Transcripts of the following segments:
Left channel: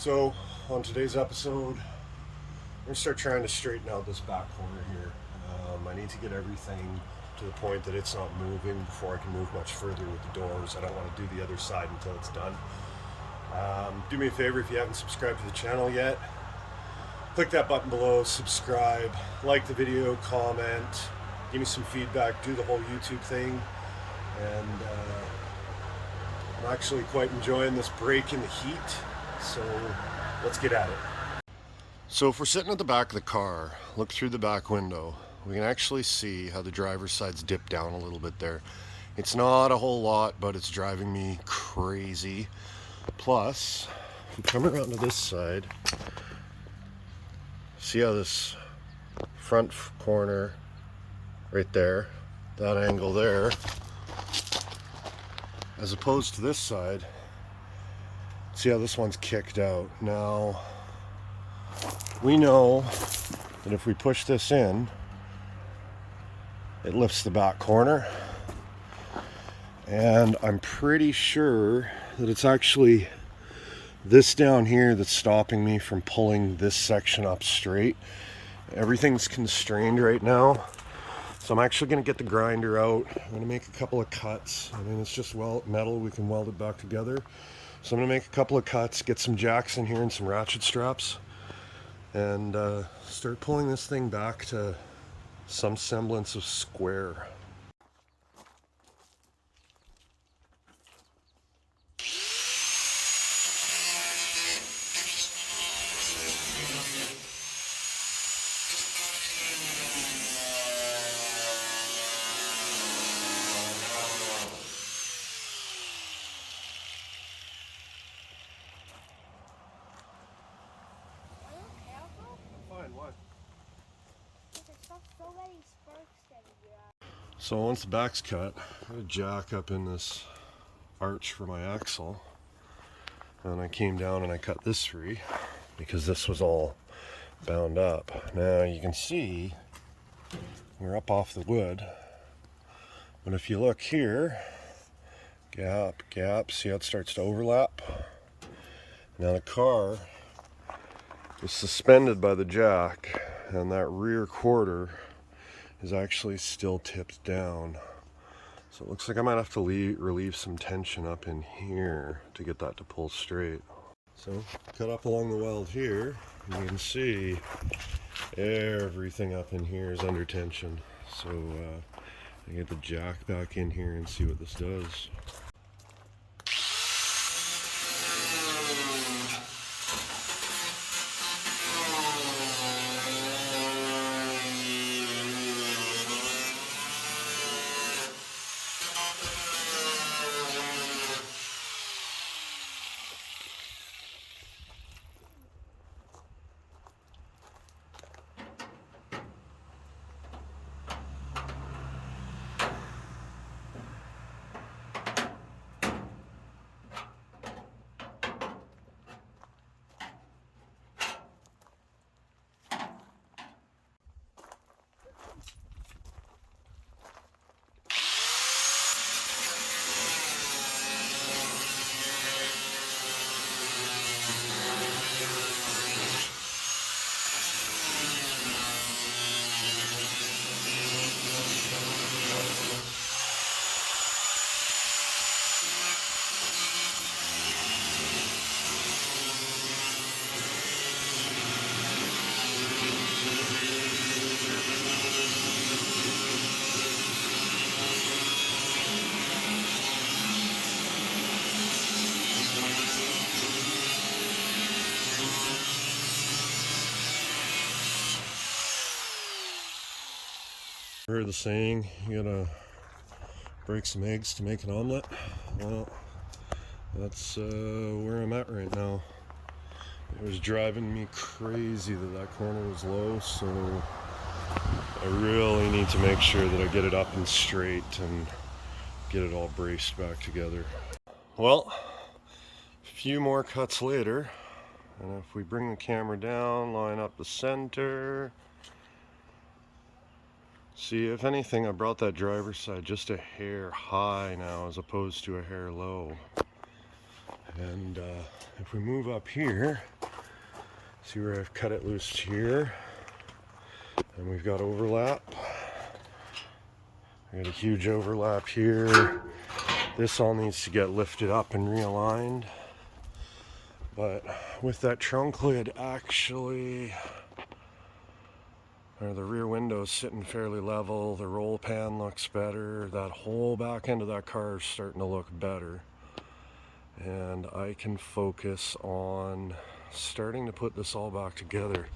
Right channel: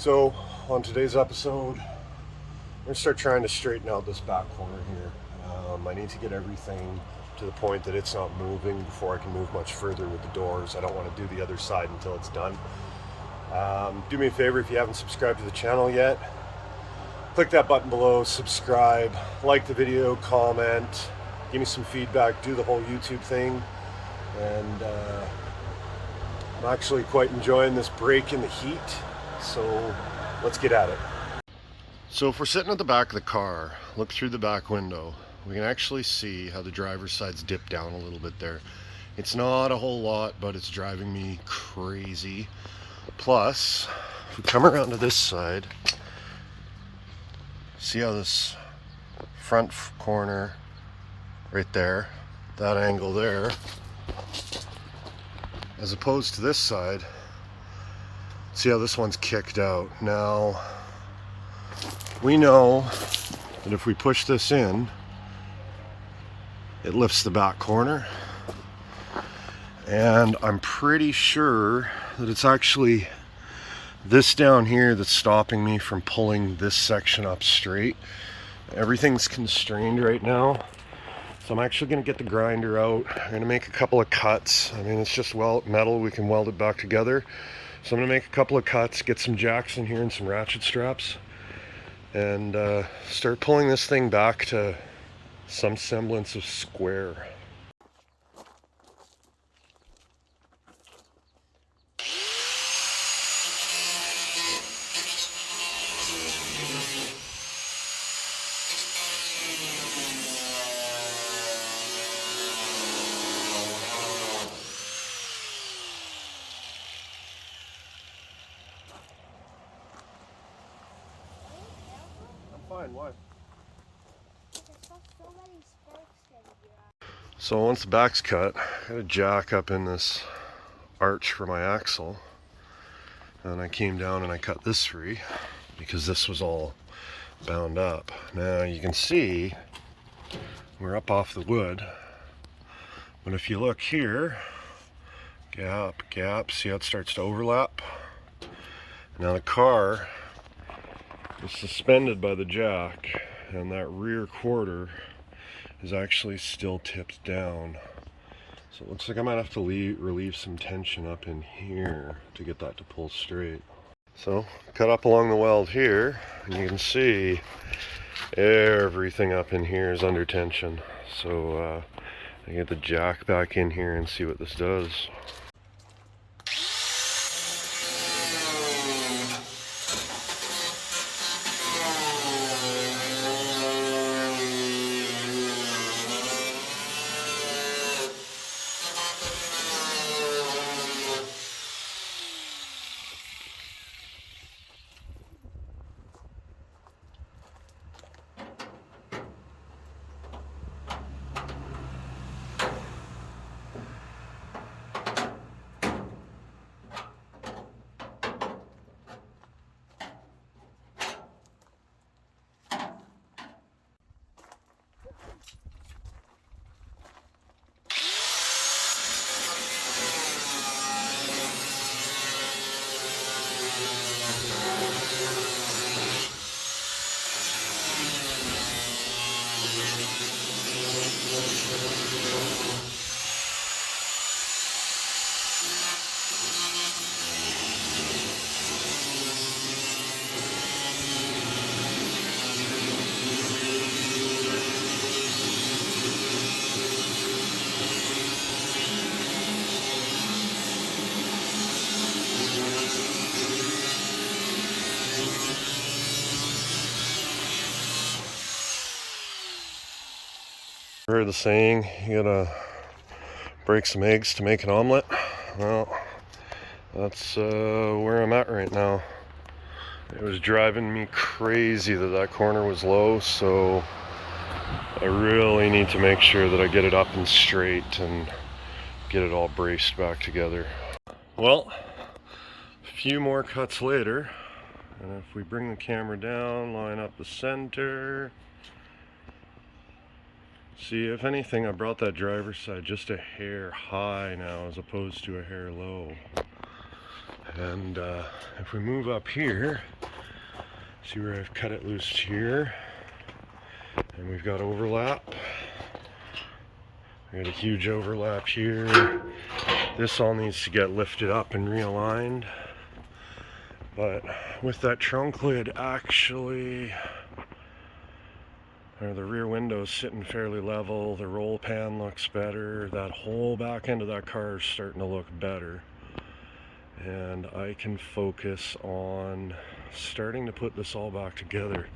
So on today's episode, I'm going to start trying to straighten out this back corner here. I need to get everything to the point that it's not moving before I can move much further with the doors. I don't want to do the other side until it's done. Do me a favor, if you haven't subscribed to the channel yet, click that button below, subscribe, like the video, comment, give me some feedback, do the whole YouTube thing. And I'm actually quite enjoying this break in the heat. So let's get at it. So if we're sitting at the back of the car, look through the back window, we can actually see how the driver's side's dipped down a little bit there. It's not a whole lot, but it's driving me crazy. Plus, if we come around to this side, see how this front corner right there, that angle there, as opposed to this side, see how this one's kicked out. Now, we know that if we push this in, it lifts the back corner. And I'm pretty sure that it's actually this down here that's stopping me from pulling this section up straight. Everything's constrained right now. So I'm actually going to get the grinder out. I'm going to make a couple of cuts. I mean, it's just metal. We can weld it back together. So I'm going to make a couple of cuts, get some jacks in here and some ratchet straps, and start pulling this thing back to some semblance of square. Fine, what? So once the back's cut, I got a jack up in this arch for my axle, and I came down and I cut this free because this was all bound up. Now you can see we're up off the wood, but if you look here, gap, see how it starts to overlap? Now the car is suspended by the jack, and that rear quarter is actually still tipped down. So it looks like I might have to relieve some tension up in here to get that to pull straight. So cut up along the weld here, and you can see everything up in here is under tension. So I get the jack back in here and see what this does. Heard the saying, you gotta break some eggs to make an omelet. Well, that's where I'm at right now. It was driving me crazy that corner was low, so I really need to make sure that I get it up and straight and get it all braced back together. Well, a few more cuts later, and if we bring the camera down, line up the center, see, if anything, I brought that driver's side just a hair high now as opposed to a hair low. And if we move up here, see where I've cut it loose here, and we've got overlap. We got a huge overlap here. This all needs to get lifted up and realigned. But with that trunk lid actually, or the rear windows sitting fairly level, the roll pan looks better, that whole back end of that car is starting to look better. And I can focus on starting to put this all back together.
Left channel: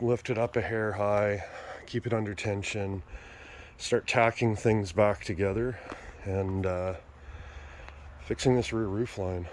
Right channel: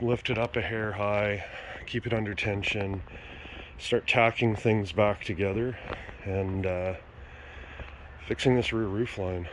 Lift it up a hair high, keep it under tension, start tacking things back together, and fixing this rear roof line.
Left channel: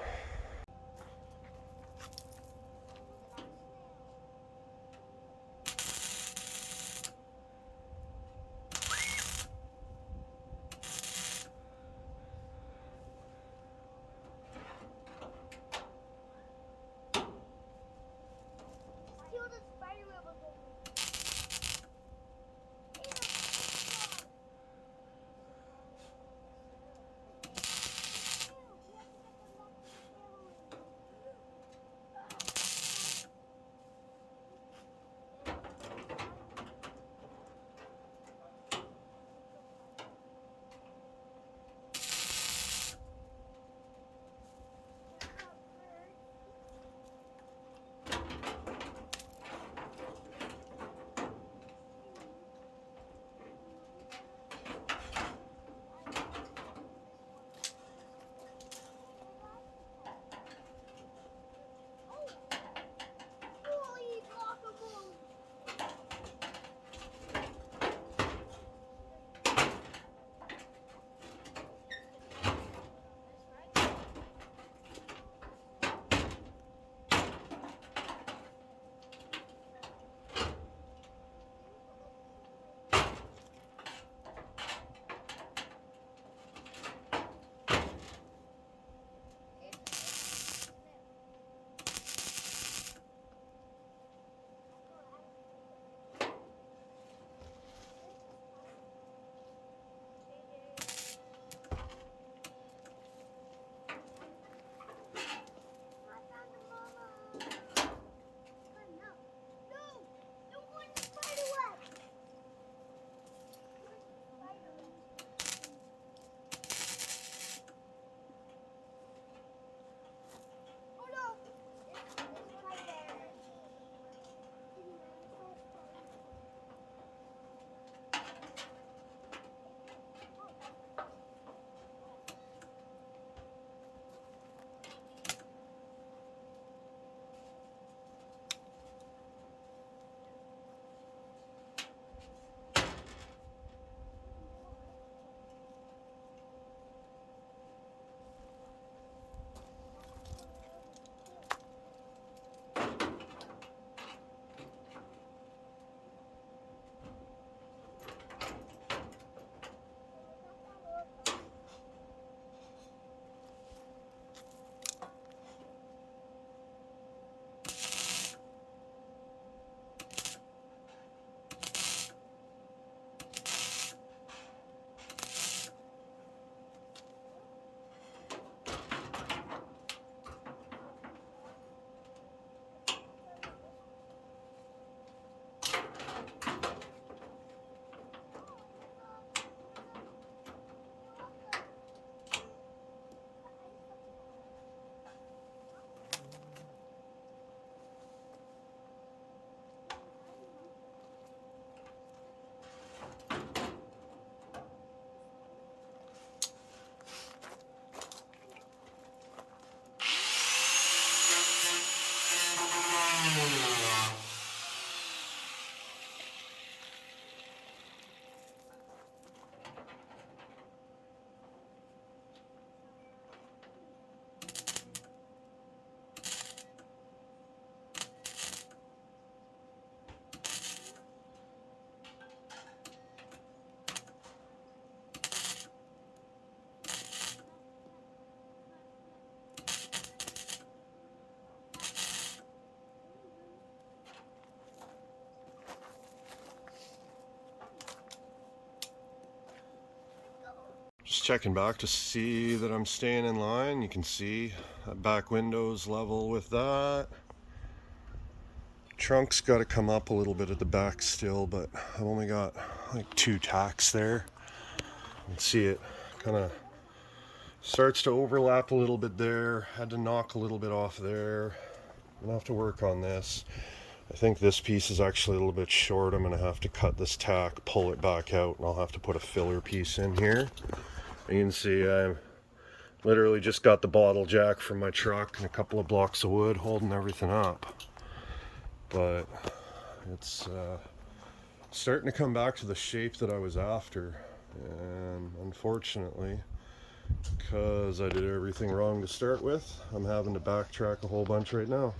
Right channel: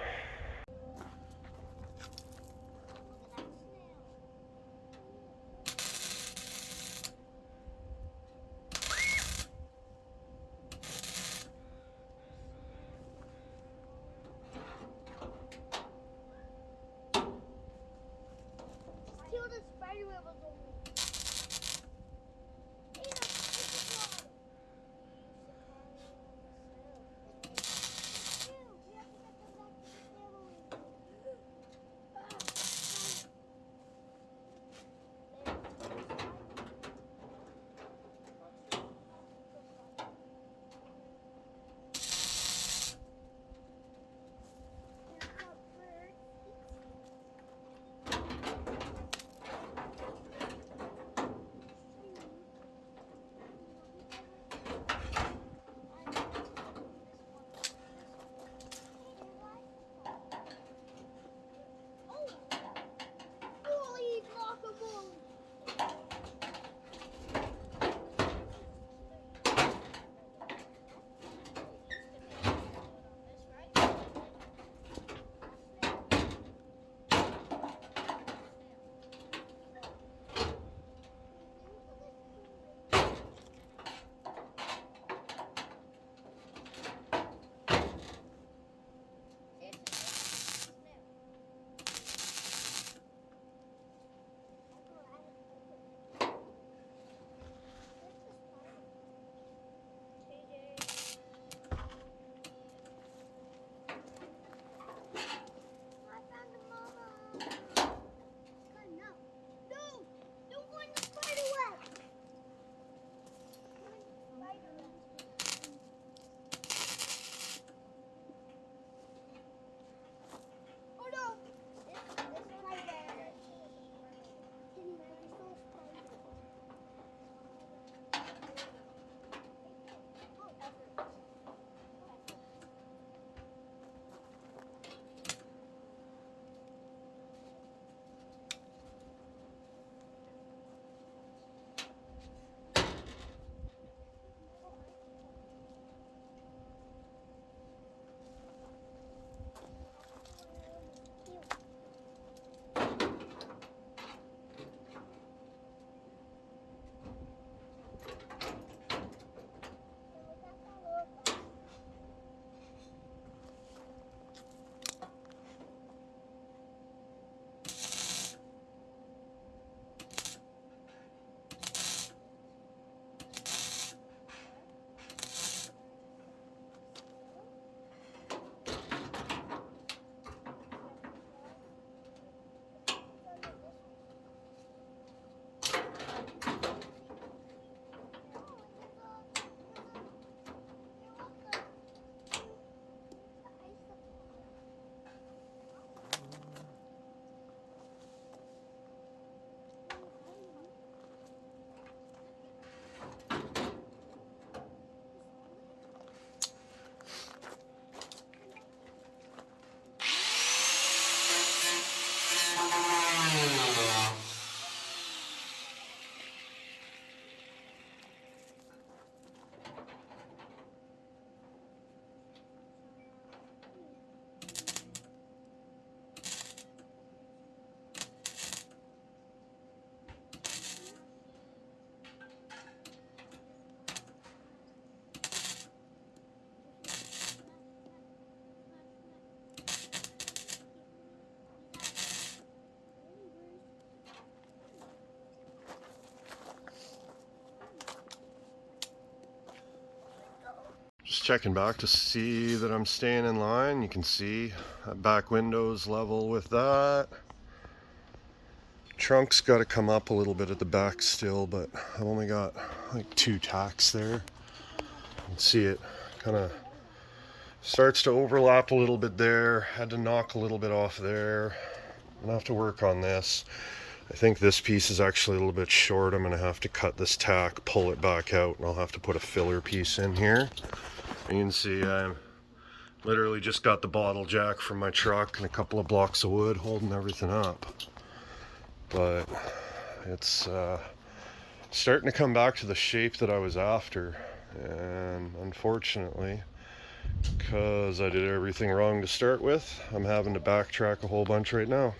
Just checking back to see that I'm staying in line. You can see that back window's level with that. Trunk's got to come up a little bit at the back still, but I've only got like 2 tacks there. You can see it kind of starts to overlap a little bit there. Had to knock a little bit off there. I'm gonna have to work on this. I think this piece is actually a little bit short. I'm gonna have to cut this tack, pull it back out, and I'll have to put a filler piece in here. You can see I literally just got the bottle jack from my truck and a couple of blocks of wood holding everything up. But it's starting to come back to the shape that I was after, and unfortunately, because I did everything wrong to start with, I'm having to backtrack a whole bunch right now.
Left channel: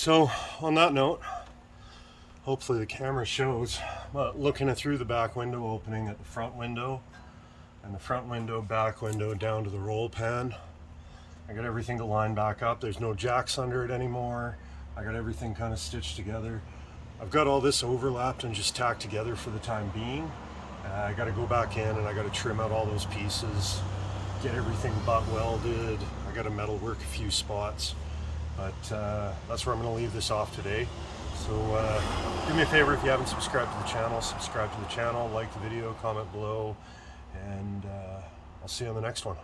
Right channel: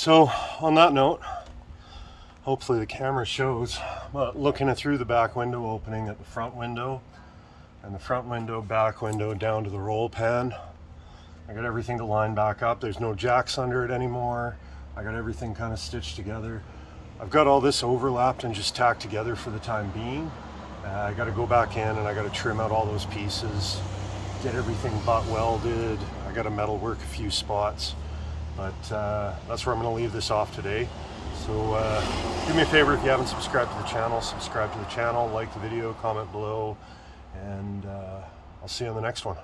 So on that note, hopefully the camera shows, but looking through the back window opening at the front window, and the front window, back window, down to the roll pan. I got everything to line back up. There's no jacks under it anymore. I got everything kind of stitched together. I've got all this overlapped and just tacked together for the time being. I got to go back in and I got to trim out all those pieces, get everything butt welded. I got to metal work a few spots, but that's where I'm going to leave this off today. So do me a favor, if you haven't subscribed to the channel, subscribe to the channel, like the video, comment below, and I'll see you on the next one.